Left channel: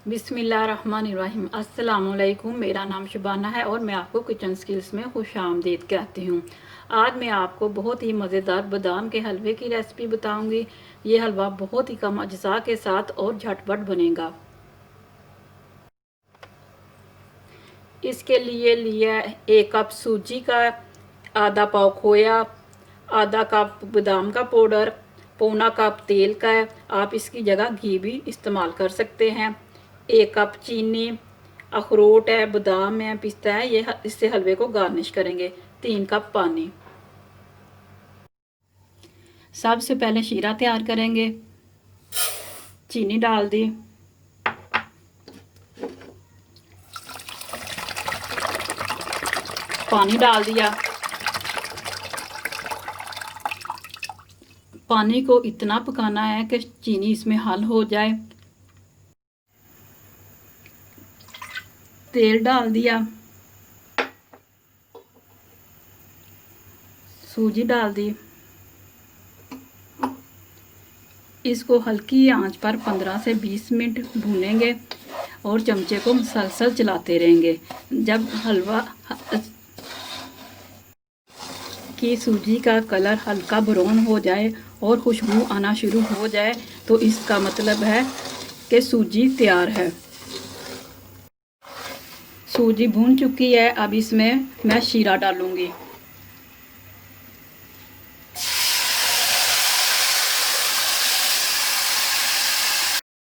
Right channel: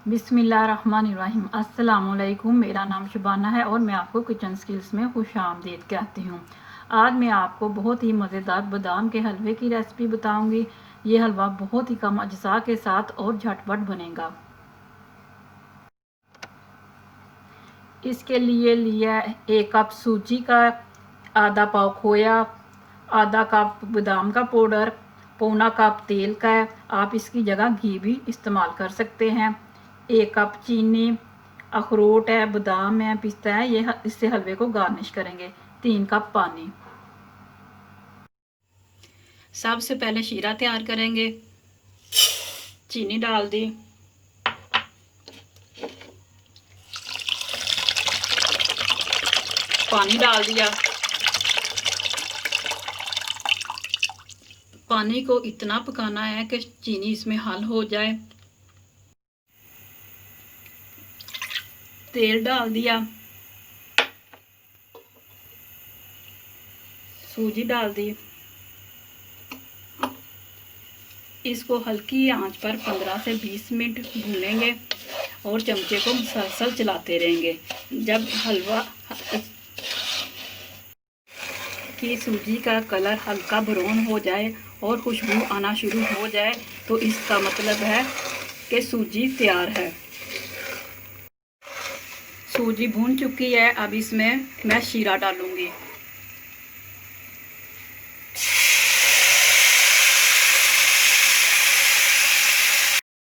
बिस्मिल्लाहिर्रहमानिर्रहीम। अस्सलामुअलैकुम। मेरा नाम शुबाना है और मैं आपको किचन स्किल्स में खुश आमदीद कहती हूँ। आज मैं आपको बहुत ही मज़ेदार बादाम के हलवे की रेसिपी बताऊँगी। ये हलवा बहुत ही कम अज्जा के साथ और झटपट बनेगा। इसके लिए लिया 1 कप सूजी का, आधा पाव खोया, आधा कप बादाम का पाउडर, पौना कप तेल का है। आप इसकी जगह घी भी इस्तेमाल कर सकते हैं। 1 कप चीनी, अखरोट है, बादाम है, पिस्ता है, ये इससे हलवे को गार्निश करेंगे। 3 कप पानी। सबसे पहले शीरा तैयार करेंगे। चीनी डाल दी, पानी डाल दिया। पानी को इतना पकाना है कि चीनी इसमें हल हो जाए। तेल डाल दिया, सूजी डाल दी। इसको हल्की आंच पर 15 से 20 मिनट भूनेंगे और चमचे को मुसलसल चलाते रहेंगे। जब हलवा की सूजी का कलर हल्का ब्राउन हो जाए और खुशबू आना शुरू हो जाए तो इसका मतलब है कि सूजी तैयार है। सूजी भून चुकी है। अब इसमें मैं शीरा डालूंगी।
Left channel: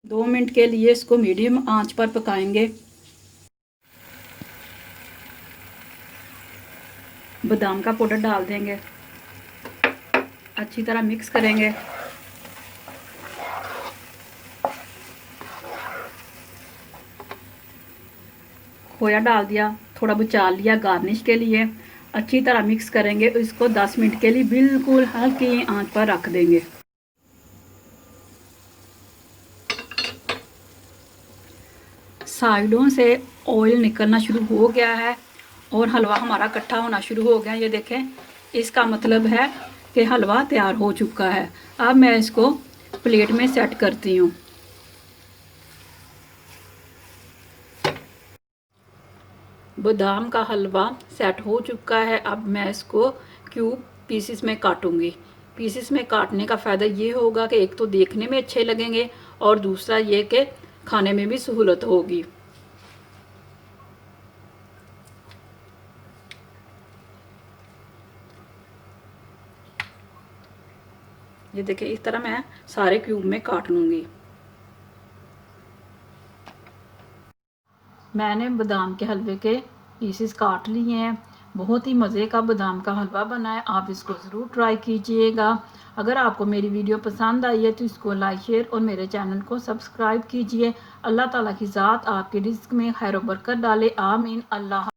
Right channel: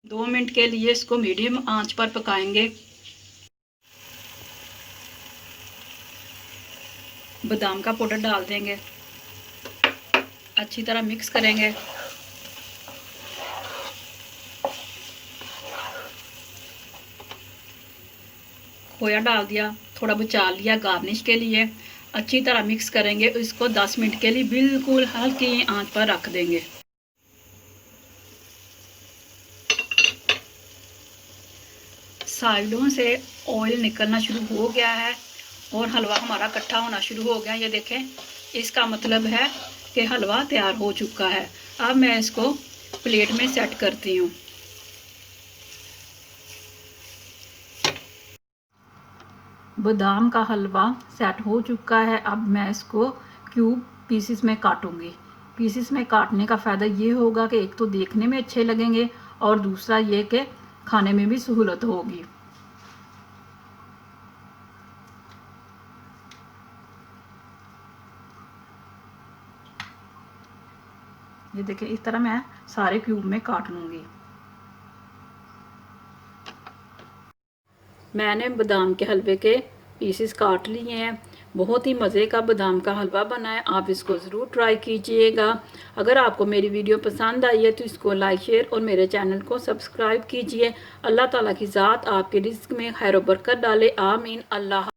दो मिनट के लिए इसको मीडियम आंच पर पकाएंगे। बादाम का पाउडर डाल देंगे, अच्छी तरह मिक्स करेंगे। खोया डाल दिया, थोड़ा बचा लिया गार्निश के लिए। अच्छी तरह मिक्स करेंगे। इसको 10 मिनट के लिए बिल्कुल हल्की आंच पर रख देंगे। साइडों से ऑयल निकलना शुरू हो गया है और हलवा हमारा इकट्ठा होना शुरू हो गया। ये देखें, इसका मतलब है कि हलवा तैयार हो चुका है। अब मैं इसको प्लेट में सेट करती हूँ। बादाम का हलवा सेट हो चुका है। अब मैं इसको क्यूब पीसेस में काटूंगी। पीसेस में काटने का फ़ायदा ये होगा कि एक तो देखने में अच्छे लगेंगे और दूसरा ये कि खाने में भी सहूलत होगी। ये देखिए, इस तरह मैं सारे क्यूब में काट लूँगी। मैंने बादाम के हलवे के पीसेस काट लिए हैं। बहुत ही मज़े का बादाम का हलवा बना है। आप इसको ज़रूर ट्राई कीजिएगा। अगर आपको मेरी वीडियो पसंद आई है तो इसको लाइक, शेयर और मेरे चैनल को सब्सक्राइब कीजिए। अल्लाह ताला की ज़ात आपके रिज़्क में खैर व बरकत डाले। आमीन। अल्लाह।